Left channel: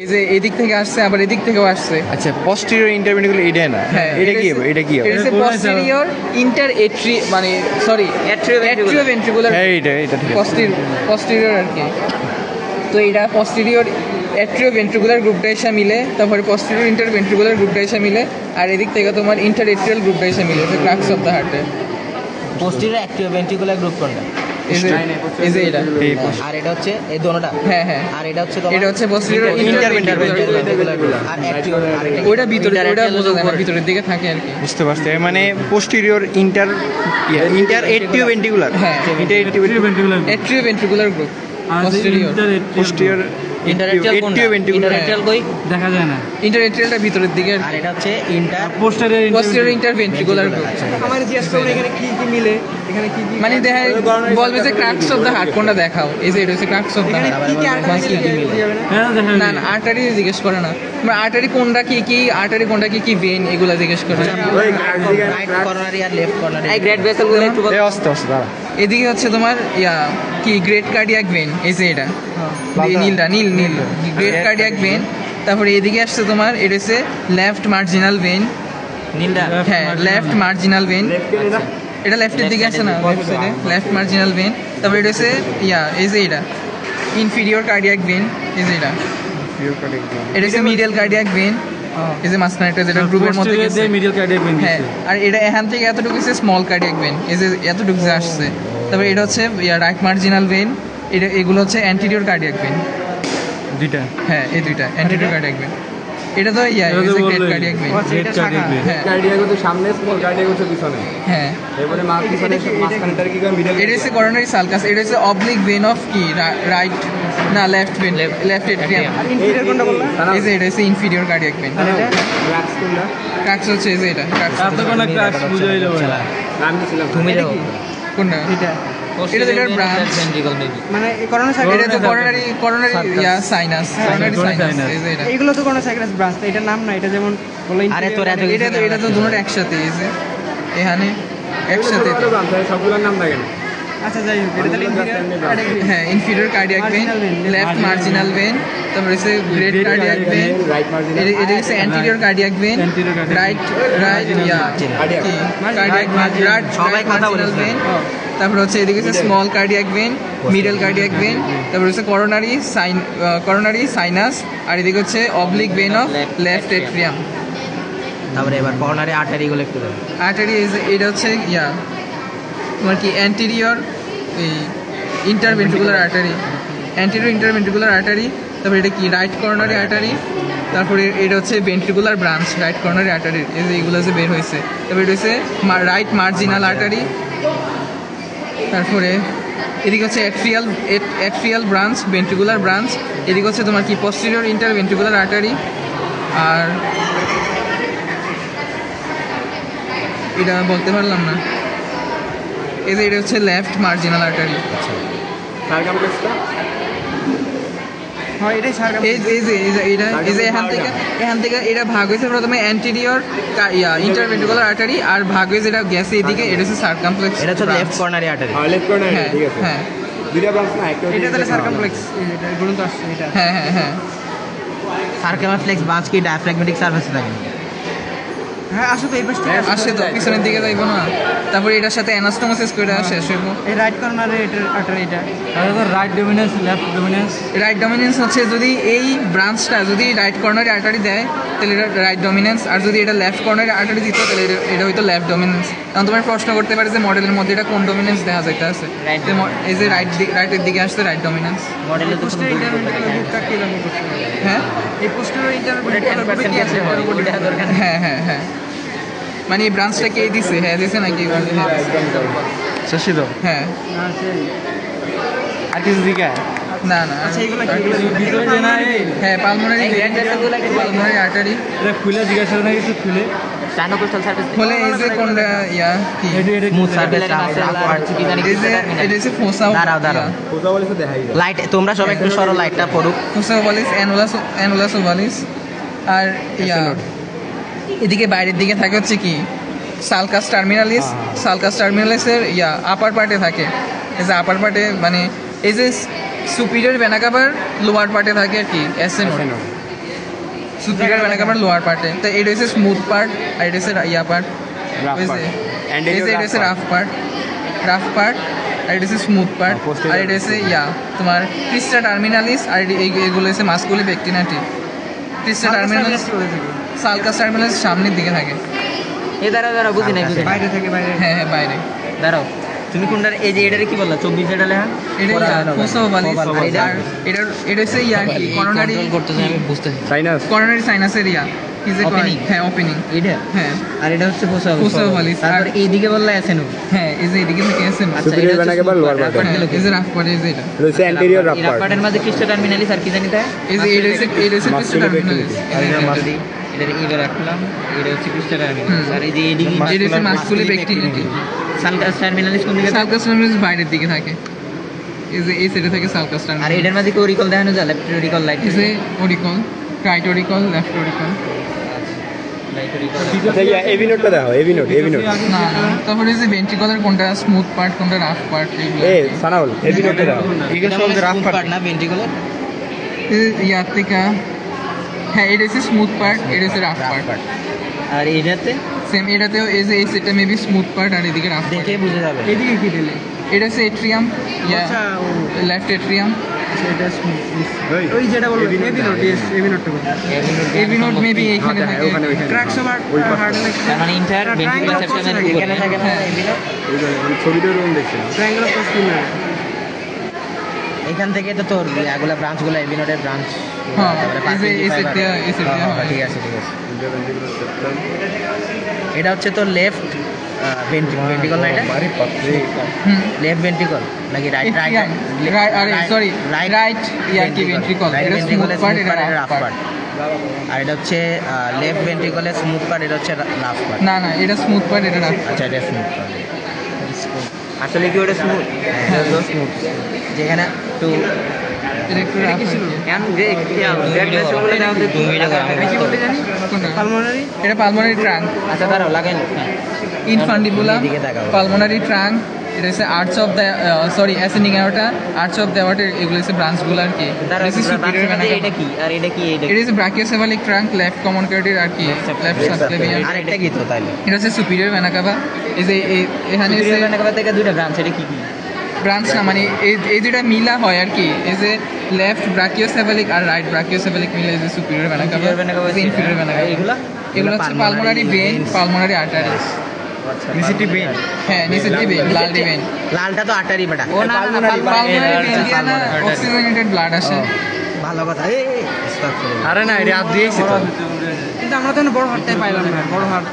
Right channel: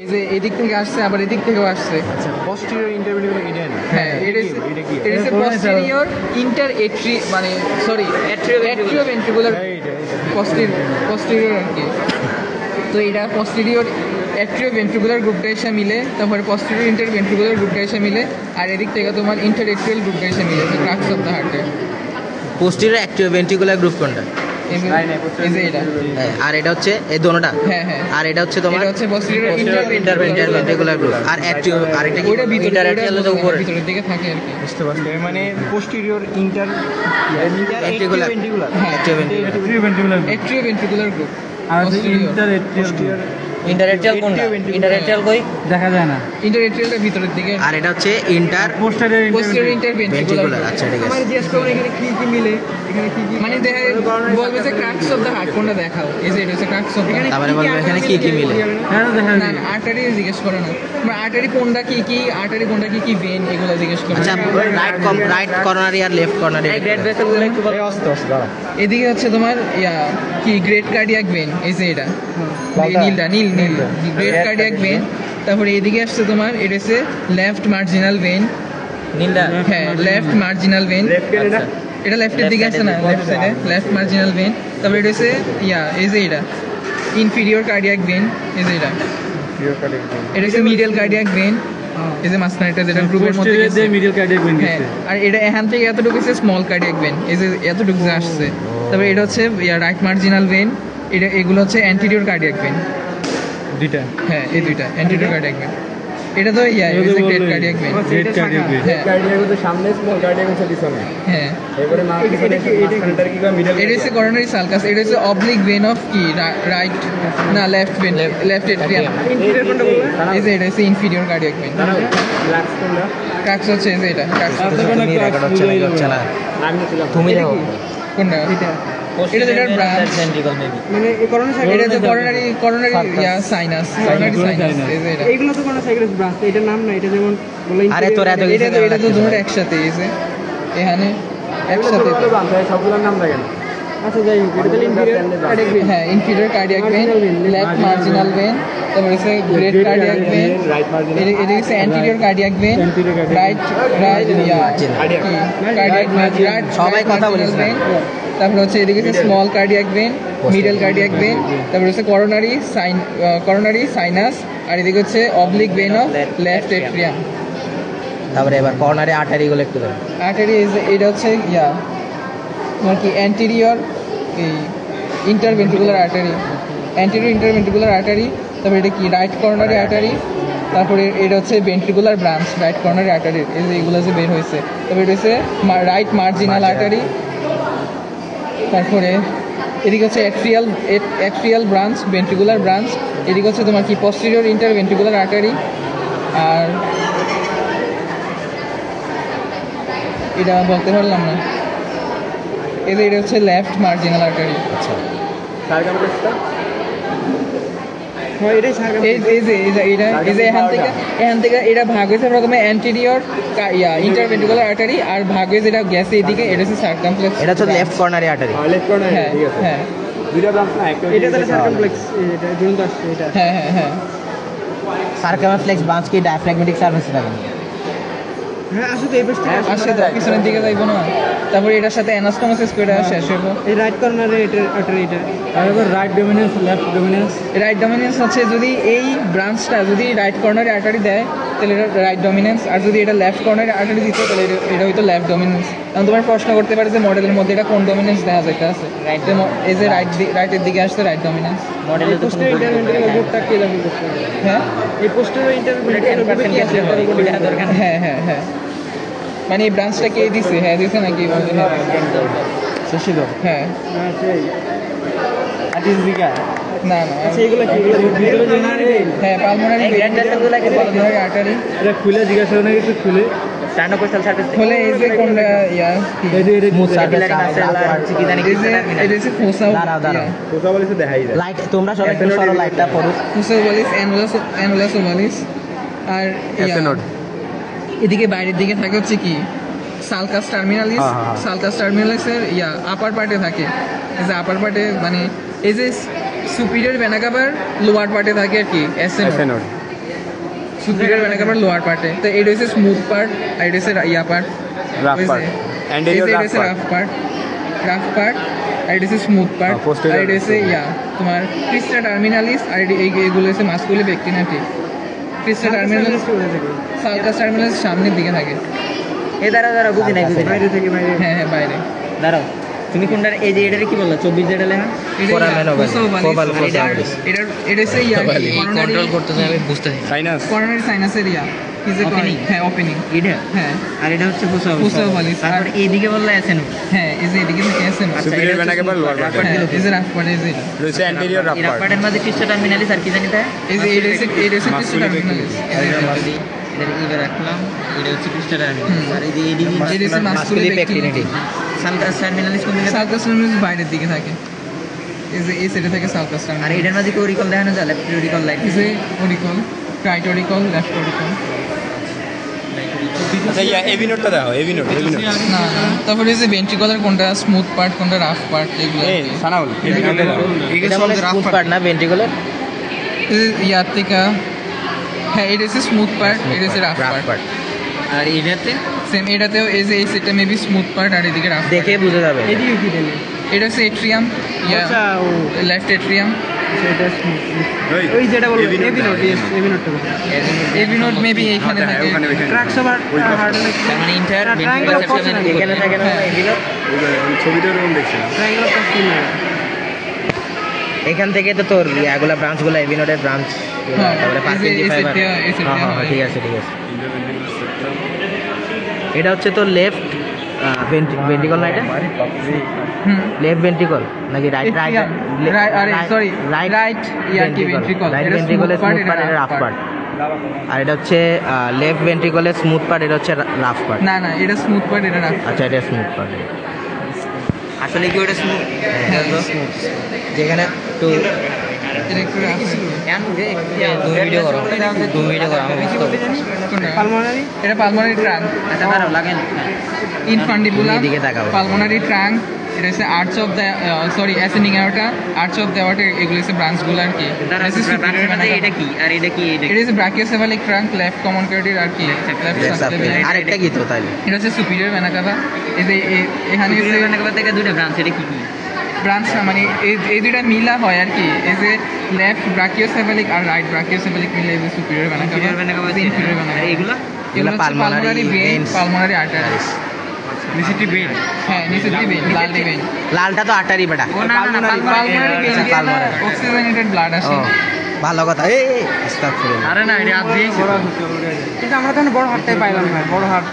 এই যে এদিক থেকে আসছে আবার এদিক থেকেও আসছে। আচ্ছা, পোস্টেরিয়র ইন্টারভেন্টিকুলার এটা না? হ্যাঁ, এটা কি এটা হচ্ছে পোস্টেরিয়র ইন্টার এট্রি মানে সরি অ্যাট্রিওভেন্ট্রিকুলার। হ্যাঁ, এটা পোস্টেরিয়র আর কি। তো এটা পোস্টেরিয়র অ্যাট্রিওভেন্ট্রিকুলার গ্রুপটা এসে মিলে, তারপরে পোস্টেরিয়র ইন্টারভেন্ট্রিকুলার গ্রুপটা এসে মিলে, আর এদিক থেকে তোমার ইন্টার এট্রিয়াল গ্রুপটা এসে মিলে। তো ক্রাক্স অফ দ্য হার্টে পোস্টেরিয়র অ্যাট্রিওভেন্ট্রিকুলার গ্রুপ কোনটা? এই যে এটা। আর এটা হচ্ছে এই দোনোটা। হ্যাঁ হ্যাঁ। আর এটা হচ্ছে তোমার এটা হচ্ছে পোস্টেরিয়র ইন্টারভেন্ট্রিকুলার গ্রুপ। আর অ্যাট্রিও আর এটা ওইটা ভিতরের দিকে থাকে আর কি। বুঝতে পারছি, মানে পোস্টেরিয়র ইন্টার অ্যাট্রিওভেন্ট্রিকুলার। হ্যাঁ, এটা অ্যাট্রিওভেন্ট্রিকুলার গ্রুপ। আর পোস্টেরিয়র ইন্টারএট্রিয়াল কোনটা? ইন্টারএট্রিয়াল কই দেখা যায় না। ইন্টারএট্রিয়ালটা ভিতরের দিকে। আর এটা হচ্ছে ইন্টার পোস্টেরিয়র ইন্টারভেন্ট্রিকুলার গ্রুপ। আচ্ছা, ঠিক আছে। জিজ্ঞেস করবো এখানে কি কি মিলে, এখানে কি কি মানে দেখা বলবে যে ক্রাক্স অফ দ্য হার্ট কোনটা দেখাও। এই যে এটা হচ্ছে ক্রাক্স অফ দ্য হার্ট। তারপরে বলবো এখানে কি কি মিলে। হ্যাঁ দেখা না না, আর্টারি জিজ্ঞেস করে না। আর্টারি কোনটা কি কি ভেন এগুলো জিজ্ঞেস করে। রাইট কর্নারি আর লেফট কর্নারি। এদিকে হচ্ছে তোমার কি গ্রেট কার্ডিয়াক ভেন। এই যে এটা নীল গ্রেট কার্ডিয়াক ভেন। তারপরে এদিকে আসছে তোমার এটা হচ্ছে লেফট মার্জিনাল ভেন। নীলটা হ্যাঁ, লেফট মার্জিনাল ভেন। এটা লেফটের দিকে আছে না, লেফট সাইডে লেফট মার্জিনাল ভেন। তারপরে এটা হচ্ছে এই যে এটা ইনফিরিয়র কার্ডিয়াক ভেন। এই যে এটা হচ্ছে মিডল কার্ডিয়াক ভেন। এই যে মাঝখানেটা যেটা গ্রুপের মধ্যে আছে মিডল কার্ডিয়াক ভেন। হ্যাঁ, আর এটা এখান থেকে এতটুকু হচ্ছে স্মল কার্ডিয়াক ভেন। এই যে এতটুকু যে আসছে। তারপরে এটা হচ্ছে রাইট মার্জিনাল ভেন। এগুলো হচ্ছে অ্যান্টিরিয়র কার্ডিয়াক ভেন। দুইটা। হ্যাঁ, এই দুইটা অ্যান্টিরিয়র কার্ডিয়াক ভেন। এটা তো great cardiac vein. Great cardiac vein. Cardiac হচ্ছে সামনে, স্মল কার্ডিয়াক হচ্ছে পিছনে। হ্যাঁ, এবারে পিছনে মাঝখানটার কি মিডল। এটা হচ্ছে করোনারি সালকাস। এটা হচ্ছে অবলিক ভেন অফ কি রাইট না left vein, left atrium. Inferior কোনটা বললা? এই যে এটা হচ্ছে ইনফিরিয়র কার্ডিয়াক ভেন। ব্ল্যাকস কোনটা? ক্রাক্স হচ্ছে এই যে এটা ক্রাক্স। তার তো কোনো ক্র্যাশ বুঝাই যাবে না। আমি ছিলাম তুমি যাও। কোনটা? এটা তো ব্রাঞ্চ। Ventricle maybe. মানে এই করোনা এটা তো করোনারি সাইনাস। Coronary sinus. এই যে এটা। এগুলো তো কোনো সাইক্রাস ব্রাঞ্চ, তো এটার নাম না। এটা যেমন বলে আরে তোর এত কিছু এটা তো দুটো একসাথে এই যে এখানে একসাথে। সবগুলোর নাম থাকে না। আচ্ছা যাই হোক, এটা তাহলে ইনফিরিয়র কার্ডিয়াক ভেন। হ্যাঁ, inferior cardiac vein, left marginal vein. তারপরে হচ্ছে great cardiac vein. Right marginal. এটা হচ্ছে anterior cardiac vein. Right cardiac vein. সবাই কথা বলিস না। তারপরে হচ্ছে এদিকে হচ্ছে small cardiac vein, middle cardiac vein. তারপরে হচ্ছে করোনারি সাইনাস। আর এদিকে হচ্ছে oblique vein of left atrium. তারপরে এবার কর্নারি আর্টারি গুলো একটু দেখ। আর্টারি এটা হচ্ছে তোমার কি anterior interventricular artery, anterior interventricular artery. তারপরে এটা কি রাইট কর্নারি আর্টারি। তারপরে এটা হচ্ছে ভেন্ট্রিকুলার ব্রাঞ্চ রাইট কর্নারি আর্টারি। এই যে এগুলো যে বের হয়েছে। তারপরে এটা হচ্ছে রাইট মার্জিনাল আর্টারি। তারপরে এদিকে হচ্ছে অ্যাট্রিয়াল ব্রাঞ্চ, ভেন্ট্রিকুলার ব্রাঞ্চ। এদিকে হচ্ছে তোমার কি পোস্টেরিয়র ইন্টারভেন্ট্রিকুলার আর্টারি। আর এটা বলতে পারলাম না। এই যে এটা হচ্ছে লেফট মার্জিনাল আর্টারি। সার্কামফ্লেক্সটা হ্যাঁ, এটাই সার্কাম। এই যে এখান থেকে এটা ভাগ হয়েছে প্রথমে অ্যান্টিরিয়র ইন্টারভেন্ট্রিকুলার আর্টারি, আর ভাগ হয়ে যেটা গেছে এদিকে এটা হচ্ছে সার্কামফ্লেক্স। এটা হচ্ছে লেফট কর্নারি আর্টারি। Left corner. হ্যাঁ ঠিক আছে। হ্যাঁ দুইটা ব্রাঞ্চ না, একটা এটা তাহলে সার্কামফ্লেক্স। এটা গ্রন্থ আসছে এটা। হ্যাঁ হ্যাঁ হ্যাঁ সার্কামফ্লেক্স ব্রাঞ্চ কি ডায়াফ্রাগমেটিক সার্ফেসে থাকে? হ্যাঁ, আসলে এই পেজটা আসে তো পিছনের দিকে যাইবো না। তারপরে এটার সাথে অ্যানাস্টোমোসিস করে শেষ হবো। এই রাইট কর্নারে এটা এটা তাহলে তো right dominance, left dominance. Right dominance হচ্ছে যদি এই ব্রাঞ্চটা যদি রাইট কর্নারে আর্টারি দেয় তাহলে এটা রাইট ডমিনেন্স, আর যদি এটা লেফট কর্নারে আর্টারি দিত তাহলে এটা হয়তো লেফট ডমিনেন্স। কারণ তোমার প্রশ্ন করতে পারে যে মডেলের মধ্যে এটা কোন ডমিনেন্স দেখা যেতে আছে। এই যে রাইটের দিকে আসছে রাইট ডমিনেন্স। মডেলের পোস্টার ইন্টারভেন্ট্রিকুলার গ্রুপটা কি দাবি করছে? হ্যাঁ এই পোস্টার ইন্টারভেন্ট্রিকুলার গ্রুপে কি আছে? হ্যাঁ হ্যাঁ হ্যাঁ, মানে এই ব্রাঞ্চটা কে দিছে? হ্যাঁ দিছে নাকি? শেষে দাও। হ্যাঁ না সেই আটিস দিকা। না না, আচ্ছা এগুলো কি ভিতরে যে না এই হ্যাঁ পালমোনারি পালমোনারি আর্টারি এটা খুলে জিজ্ঞেস করো না, একটু খুলে স্টানোকোস্টাল সার্ফেস খুলে এই যে কোনটা কি এটা স্মুথ সার্ফেস আর কি জানি এই যে এটা হচ্ছে ফোসা। দাঁড়াও কোথা বলেছে দেখাই যায়। লাইট তোমরা সবাই একটু সরো, লাইটটা পড়ুক। ফোসা ওভালিস, অ্যানুলাস ওভালিস। আর এদিকে বাইরের দিকে থাকে হচ্ছে কি সালকাস টার্মিনালিস। সালকাস টার্মিনালিসের আপার পার্টে থাকে। এই যে আপার পার্টে মানে এই যে সুপিরিয়র ভেনা কাভার লোয়ার পার্টে থাকে কি অ্যাসেনোড। সুপিরিয়র ভেনা কাভার লোয়ার পার্টে তো এটা হচ্ছে স্মুথ পার্ট আর এটা হচ্ছে ইয়া part rough part anterior rough part rough part আর এটা হচ্ছে স্মুথ পার্ট posterior আর এটা হচ্ছে ইয়া তোমার ক্রিস্টা টার্মিনালিস আর এগুলো হচ্ছে মাসকুলি পেক্টিনাটি ক্রিস্টা টার্মিনালিস সালকাস টার্মিনালিস সামনের দিকে থাকে এ দাঁড়াও বুঝি নাই বাইরে থেকে হ্যাঁ হ্যাঁ বাইরে দাঁড়াও তুমি কোনটার এই যে এটারে কি বললা 24 যেটা লেখা এটা কোসাওভালিস আর এটা হচ্ছে ইয়া কি করোনারি কন্ট্রোল করতে চাই আমি বুঝতেছি সাইনাস করোনারি সাইনাসের ইয়া কি যে Opening? হ্যাঁ ওপেনিং এটা হ্যাঁ আর এটা হচ্ছে কোসাওভালিস আর এইদিকে বললা এসেনো হ্যাঁ এই যে এদিকে থেকে আছে না আচ্ছা Superior এটা vena cava, lower vena হ্যাঁ এই যে রাফ পার্ট এই যে এটা হচ্ছে অ্যান্টেরিয়র রাফ পার্ট পার্টের মধ্যে কিসটা টার্মিনালিস আর কি জানি তা এই যে এটা হচ্ছে ক্রিস্টা Muscular টার্মিনালিস এইবার রাখলাম এটা হচ্ছে কিসটা টার্মিনালিস আর এই যে এদিকে এটা হচ্ছে মাসকুলি পেক্টিনাটি সালকাস টার্মিনালিস কোন দিকে সালকাস টার্মিনালিস বাইরের দিকে থাকে এই যে এই সাইডে থাকে সালকাস আর টার্মিনালিস এটার মধ্যে কি অরিকল দেখানো যায় লেফট অরিকল লাইট এই যে oracle right oracle left oracle আচ্ছা ইয়া এভি নোটটা দাও এভি নোট না তারপরে এই যে ভেন্ট্রিকলের কোনটা স্মুথ পার্ট কোনটা রাফ পার্ট এগুলো এই সানাউল এভি নোটটা দাও এটা মানে রাফ পার্ট না ভেন্ট্রিকুলার ইয়ার থেকে হ্যাঁ এটা হচ্ছে স্মুথ পার্ট এটা হচ্ছে রাফ পার্ট আর এটাতে সেম এটাতেও এই যে এই সেটটা মেবি স্মুথ পার্ট আর এদিকে রাফ পার্ট দেখে বোঝা যাবে এটা হচ্ছে এট্রিয়াম ইয়া লেফট এট্রিয়াম ওই যেটা বলবো AB node AV node maybe এইখানে থাকে ট্র্যাকস ওভার হার্ড তার মানে ইন্টার ভেন্ট্রিকুলার সেকশনের এখানে থাকে না হ্যাঁ। এদিকে ছবিতে রকম দেখছি ট্রায়াঙ্গেল অফ স্কিনার এখান থেকে তো তোর এগুলা ব্রাঞ্চগুলো এভিনোটের ব্রাঞ্চ হ্যাঁ এই যে এই সেটটা হয় ঠিক আছে এটা হচ্ছে তো লেফট ভেন্ট্রিকল না এটা হুম লেফট ভেন্ট্রিকল নাকি রাইট এট্রিয়াম আরে সরি রাইট ইয়ার কি ভেন্ট্রিকল এটা স্মুথ পার্ট এটা রাফ পার্ট আর এটা হচ্ছে লেফট ভেন্ট্রিকলের স্মুথ পার্ট এটা হচ্ছে রাফ পার্ট না না এটা স্মুথ পার্ট এটা রাফ আচ্ছা এটা স্মুথ পার্ট আসলে কি ওটা স্মুথ হ্যাঁ। স্মুথ যেখানে একটু এটা একটু রাফ দু মিনিটে করো আমি বুঝতে পারি পালমোনারি এটা পালমোনারি ট্রাঙ্ক আচ্ছা দাঁড়াও লাগেন ইনফান্ডিবুলাম এদিকে তাকাবো। পালমোনারি ট্রাঙ্ক এটা হচ্ছে arch of the sorry ascending aorta arch of the aorta এগুলো হচ্ছে ব্রাঞ্চগুলো আর কি এটা কি আর এটা কি এটা এটা হচ্ছে ব্রাকিওসেফালিক ট্রাঙ্ক লেফট কমন ক্যাভিটির আর কি লেফট সাবক্লেভিয়ান আর একটা কি তো তাইলে এটা হচ্ছে সুপিরিয়র ভেনা কাভা এই যে এখানে থেকে দুইটা ব্রাঞ্চ এটা কি কি ব্রাঞ্চ না মানে এই দুইটা মিলা হয় আর কি এই যে লেফট ব্রাকিওসেফালিক আর রাইট ব্রাকিওসেফালিক মিলে এই যে superior vena cava inferior vena cava এইগুলা এগুলো হচ্ছে পালমোনারি ভেইন পালমোনারি আর্টারিস নিচেটি বেন হ্যাঁ নিচের ভেইন লালটি ভেইন লালটা তো আটারি বেটা ও না না পালমোনারি ভেইন দিয়ে না অক্সিজেনেটেড ব্লাড আসে ভালো কথা এই আস্তাগফিরুল্লাহ আরে না এটা আপ দিয়েছি কিন্তু আমরা তো বড় হাটটাই পাইলাম না বড় হাট